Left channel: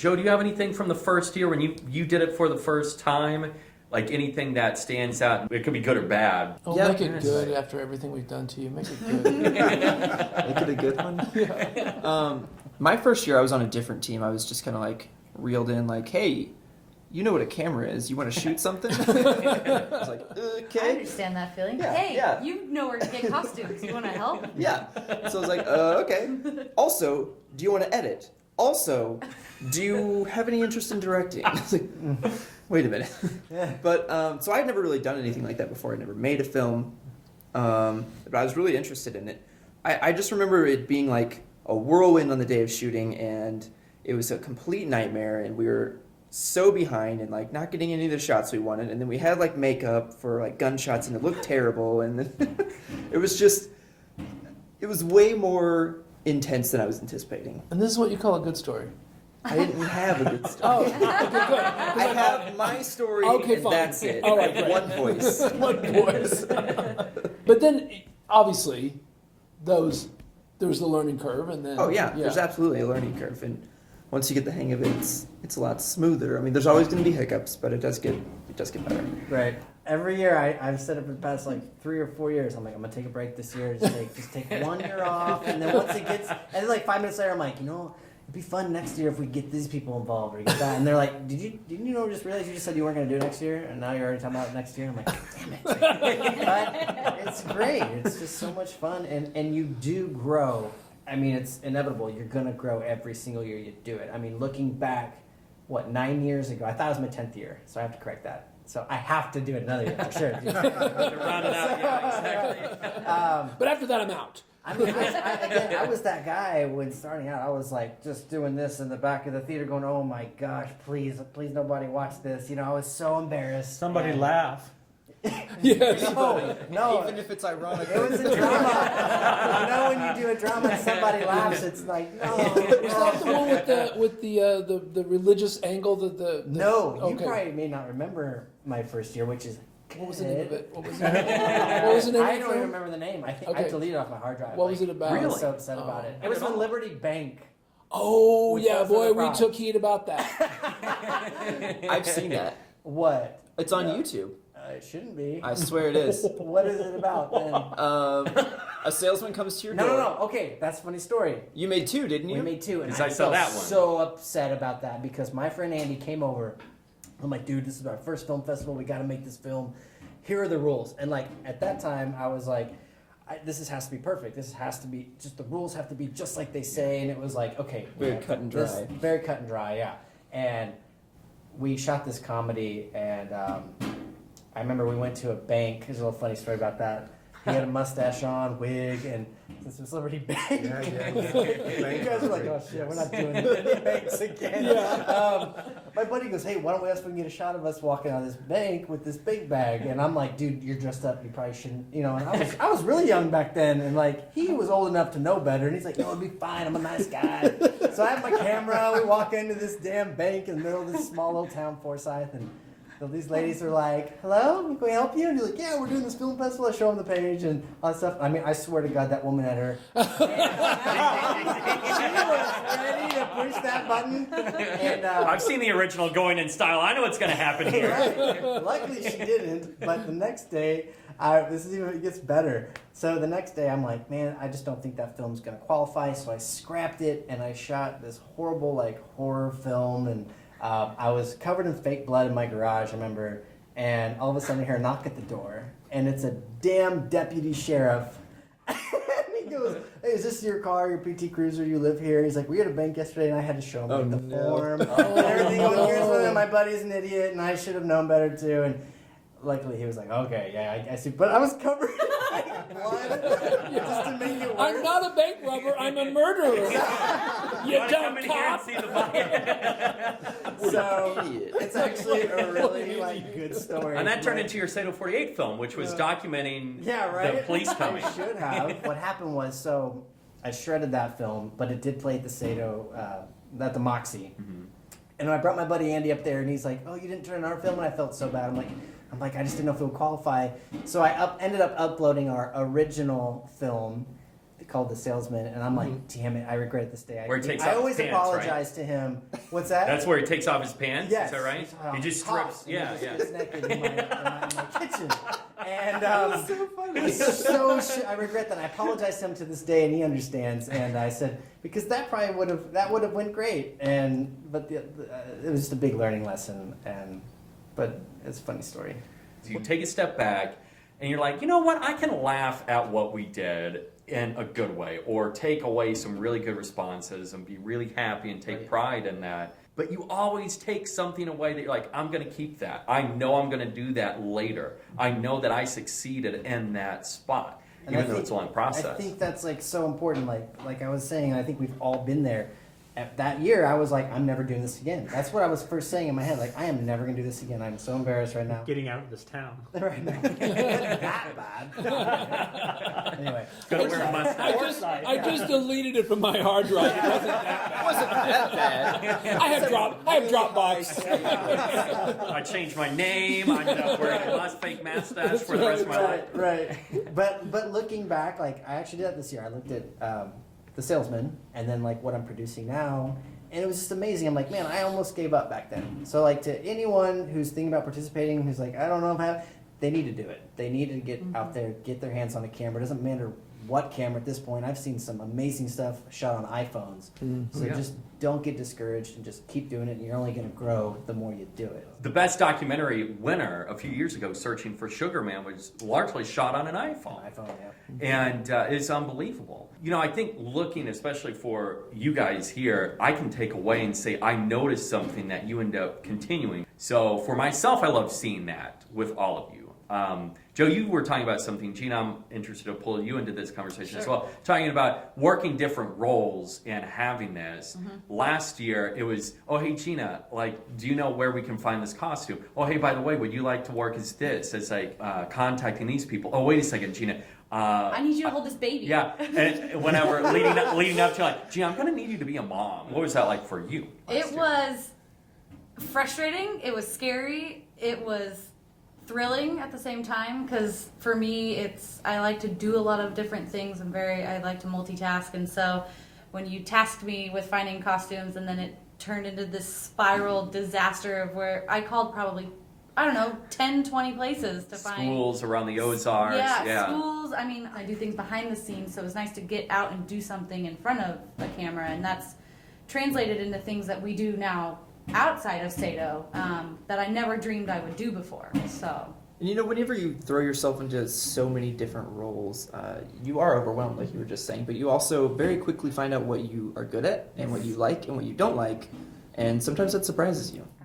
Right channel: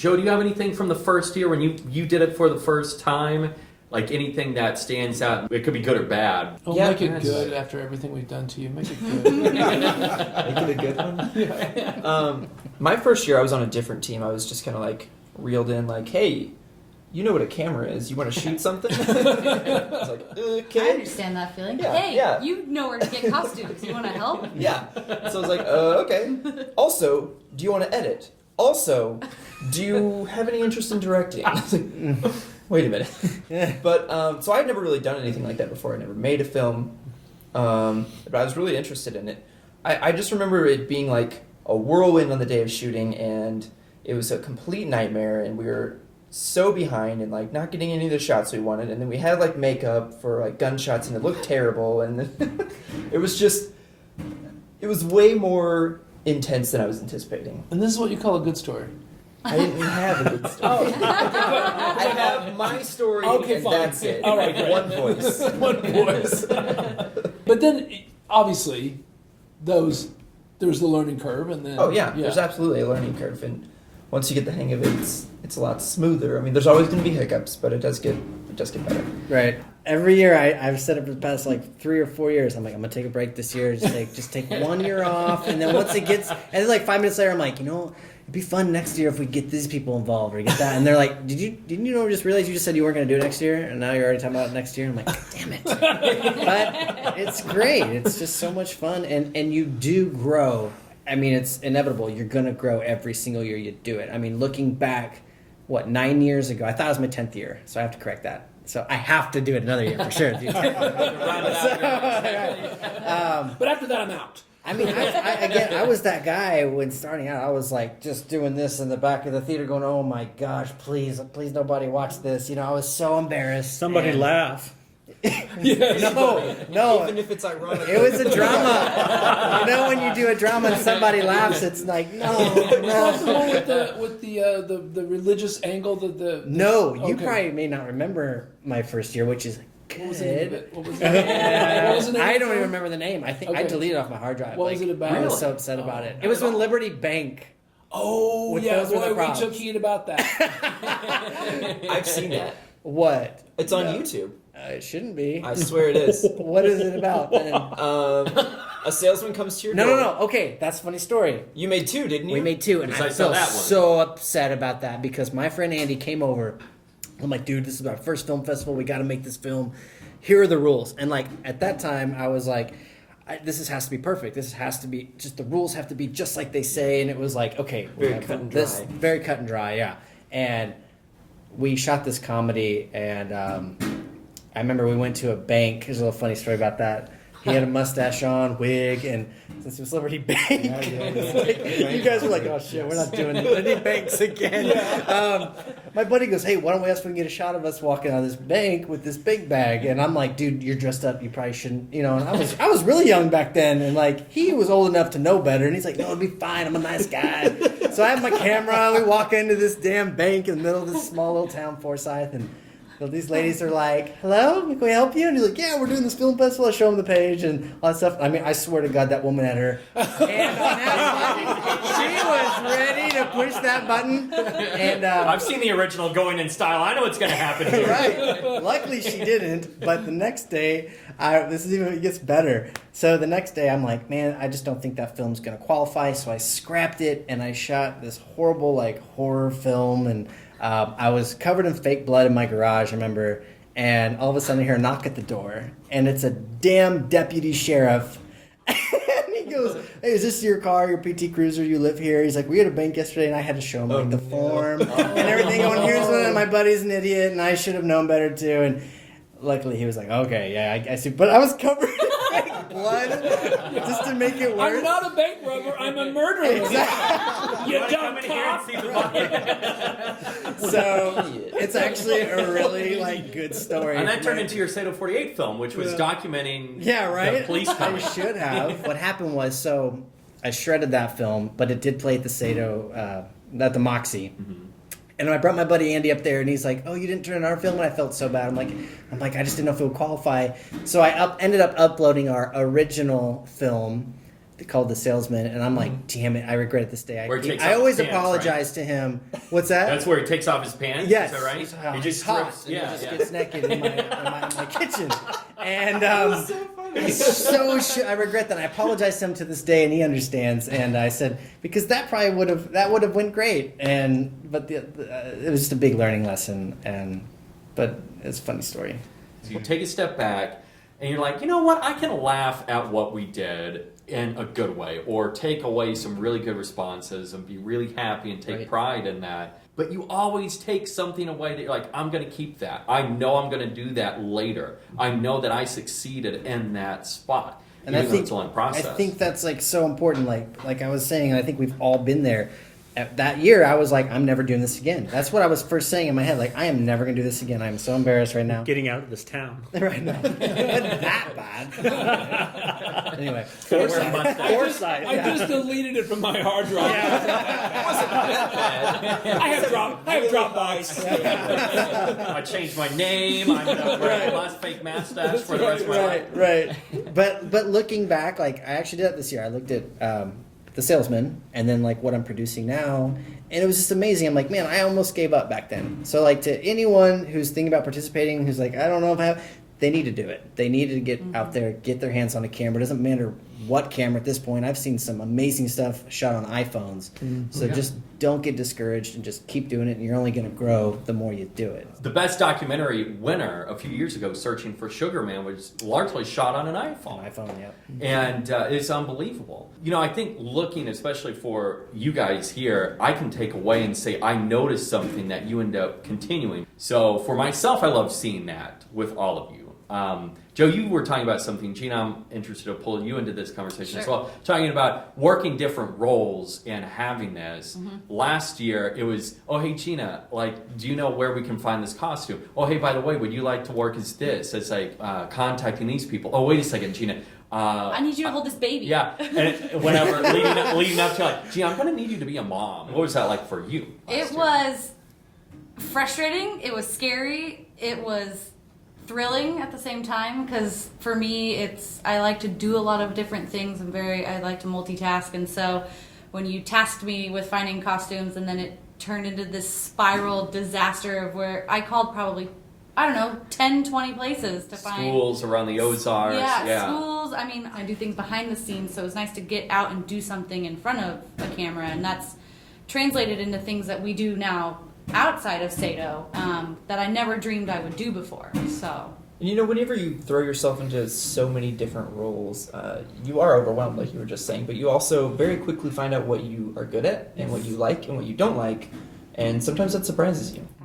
Joe, do you have anything from the first year when you did it for the first time? Like anything that stands out? It could be good or bad. Oh, Yeah, make it good after everything we've done to you. Make it good. Make it a good one. My first year, I was on a different team. I was just kind of like reeled in, like, hey, you know what a camera is. You want to shoot something? I was like, okay. I understand that feeling. Yeah, Hey, yeah. you know where to get costumes. You want to help? Yeah. So I was like, okay. Also, do you want to edit? Also, do you have any interest in directing? I was like, wait a minute. But, so I'd never really done anything like that before. I never made a film. But I was really interested in it. I just remember it being like a whirlwind on the day of shooting, and it was a complete nightmare, and we were so behind and like not getting any of the shots we wanted, and then we had like makeup for like gunshots, and it looked terrible, and it was way more intense than I was anticipating. And this is what you call a good story. I didn't have a good story. Oh, okay, good. I have my story, Okay, and fine. that's it. All right, great. One voice. One voice. But then, obviously, there's the learning curve, and then... Oh yeah, there's absolutely a learning curve, and once you get the hang of it, it's a lot smoother. I mean, there's always going to be hiccups, but it does get better. Right. Every year, I've said it for the past like 3 or 4 years. I'm like, I'm gonna take a break this year. Just take 1 year off, and then once it gets, and then like 5 minutes later, I'm like, it'd be fun next year if we get these people involved or get that. And they're like, didn't you just realize you just said you weren't gonna do it next year, and now you're already talking about it next year? And I'm like, damn it. But it's great. It's just so much fun, and you do grow. I mean, it's inevitable. You're gonna grow every single year you do it. I mean, looking back, 9 years ago? I thought it was my 10th year, so I have to correct that. So I have to do it another year for sure. But after that, I'm out. I mean, I was that guy when starting out. I was like just doing this in the back of the theater going, oh my gosh, please nobody watch this. I was so embarrassed. Somebody laugh. No. Even if it's ironic. It was a drama. When you do a drama and somebody laughs, it's like, no. That's the one with the religious angle. No, you okay. probably may not remember my first year, which is What was the name of it? I don't even remember the name. I think I deleted it off my hard drive. What was it about? I was so upset about it. It was when Liberty Bank. Oh, With yeah, those with the boy, we props. took heed about that. I've seen that. What? It's on YouTube. It shouldn't be. I swear it is. What is it about then? A salesman comes to your No. door. Okay, that's a funny story. You made 2, didn't you? We made 2, and Because I I saw felt that one. so upset about that because my friend Andy came over. I'm like, dude, this is our first film festival. We got to make this film. Here are the rules. And like at that time, I was like, this has to be perfect. This has to be just the rules have to be just like they say. And it was like, okay, Very cut and dry. Very cut and dry, yeah. And we shot this comedy, and I remember we went to a bank. There's a little funny story about that. He had a mustache on, wig, and since it was Liberty Bank, you guys were like, oh shit, we're not doing Liberty Banks again. My buddy goes, hey, why don't we ask if we can get a shot of us walking out of this bank with this big bag? And I'm like, dude, you're dressed up. You probably shouldn't, And I was really young back then, and like he was old enough to know better. And he's like, no, it'll be fine. I'm a nice guy. So I have my camera. We walk into this damn bank in the middle of this small little town, Forsyth, and these ladies are like, hello, can we help you? And he's like, yeah, we're doing this film festival. I show him the page and all that stuff. I mean, I swear to God, that woman had her hand on that. She was ready to push that button. And I've seen the original going in style. I know what's going to happen here. right. Luckily, she didn't. But the next day, it gets better. So the next day, I'm like, man, I just don't think that film's going to qualify. So I scrapped it and I shot this horrible, horror film. And I was covered in fake blood in my garage, I remember, and all of a sudden I hear a knock at the door, and it's a damn deputy sheriff. And he goes, hey, is this your car, your PT Cruiser, you live here? He's like, we had a bank yesterday, and I had to show him the form and everything. Going, here's one, my buddy's an idiot, and I should have known better too. And luckily he was like, okay, yeah, I see. But I was covered in fake blood just to make it worse. I'm not a bank robber, I'm a murderer. You dumb cop. So it's actually a really good story. And that turned into your SATO48 film, which was documenting the police I coming. should have. What happened was, so I shredded that film, but it did play at the SATO, at the Moxie. Mm-hmm. And I brought my buddy Andy up there, and he's like, "Oh, you didn't turn in our film," and I felt so bad. I'm like, I just didn't know if it would qualify. So I ended up uploading our original film, called the salesman, and I'm like, damn it, I regret it this day. Where he takes I off always his pants, apologize to him. What's that? That's where he takes off his pants. Yes. Is that right? Oh, He just it's hot. strips. And Yeah, he just yeah. gets naked in my kitchen. And I regret that. I apologize to him to this day, and he understands. And I said, because that probably would have went great. But it was just a big learning lesson. But it's a funny story. So you take a step back and you're like, you know what? I can laugh at what we did in a good way, or take away some really good responses and be really happy and take Right. pride in that. But you always take something away that you're like, I'm going to keep that. I know I'm going to do that later. I know that I succeeded in that spot. And even I though think it's a long process. I think that's like so important. Like I was saying, and I think we've all been there. At that year, I was like, I'm never doing this again. That's what I was first saying in my head. Like, I am never going to do this again. I'm so embarrassed right now. Getting out of this town. Right now. Not that bad. Anyway. Go wear a mustache. Foresight. I just deleted it from my hard drive. I have Dropbox. I changed my name. I'm going to wear a fake mustache for the rest of my life. Right. But looking back, like I actually did that this year. I looked at The Salesman and then like what I'm producing now, and it was just amazing. I'm like, man, I almost gave up back then. So like to anyone who's thinking about participating, who's like, I don't know if I have, they need to do it. They need to get out there, get their hands on a camera. It doesn't matter what camera at this point. I've seen some amazing stuff shot on iPhones. So just don't get discouraged and just keep doing it, and you're only going to grow the more you do it. The best documentary winner a few years ago, Searching for Sugar Man, was largely shot on an iPhone. iPhone, yep. And it's unbelievable. You know, I think looking, especially for you guys here, I can take away and say, I noticed something that you end up continuing. So for myself, I love seeing that with all of you. Joe, you were talking about something. Jeana, I'm interested to pull you into this conversation as well. Talking about working different roles and having this. Last year, it was, oh, hey, Jeana, like, do you know where we can find this costume? Oh, hey, by the way, would you like to work as this? It's like contacting these people. Oh, wait a second, Jeana. I need you to hold this baby. Yeah, and whenever leading up to like, Jeana, I'm going to need you to be a mom. What was that like for you? It was frustrating. It was scary. It was thrilling at the same time, because for me, I like to do a lot of different things. I like to multitask, and so when you tasked me with finding costumes, and then it turned into this spiral disaster of where I called probably, I don't know, 10, 20 places to find Schools around the Ozarks. Yeah, schools. I mean, I do things behind the scenes, so it's nice to get out and do something in front of a camera, and that's translated into things that we do now outside of SATO that I never dreamed I would do before. So. And you know, whenever you throw yourself into so many different roles, you are overwhelmed, like you were just saying, but you also very quickly find out what you are good at and what you like and what you don't like, and sometimes that surprises you.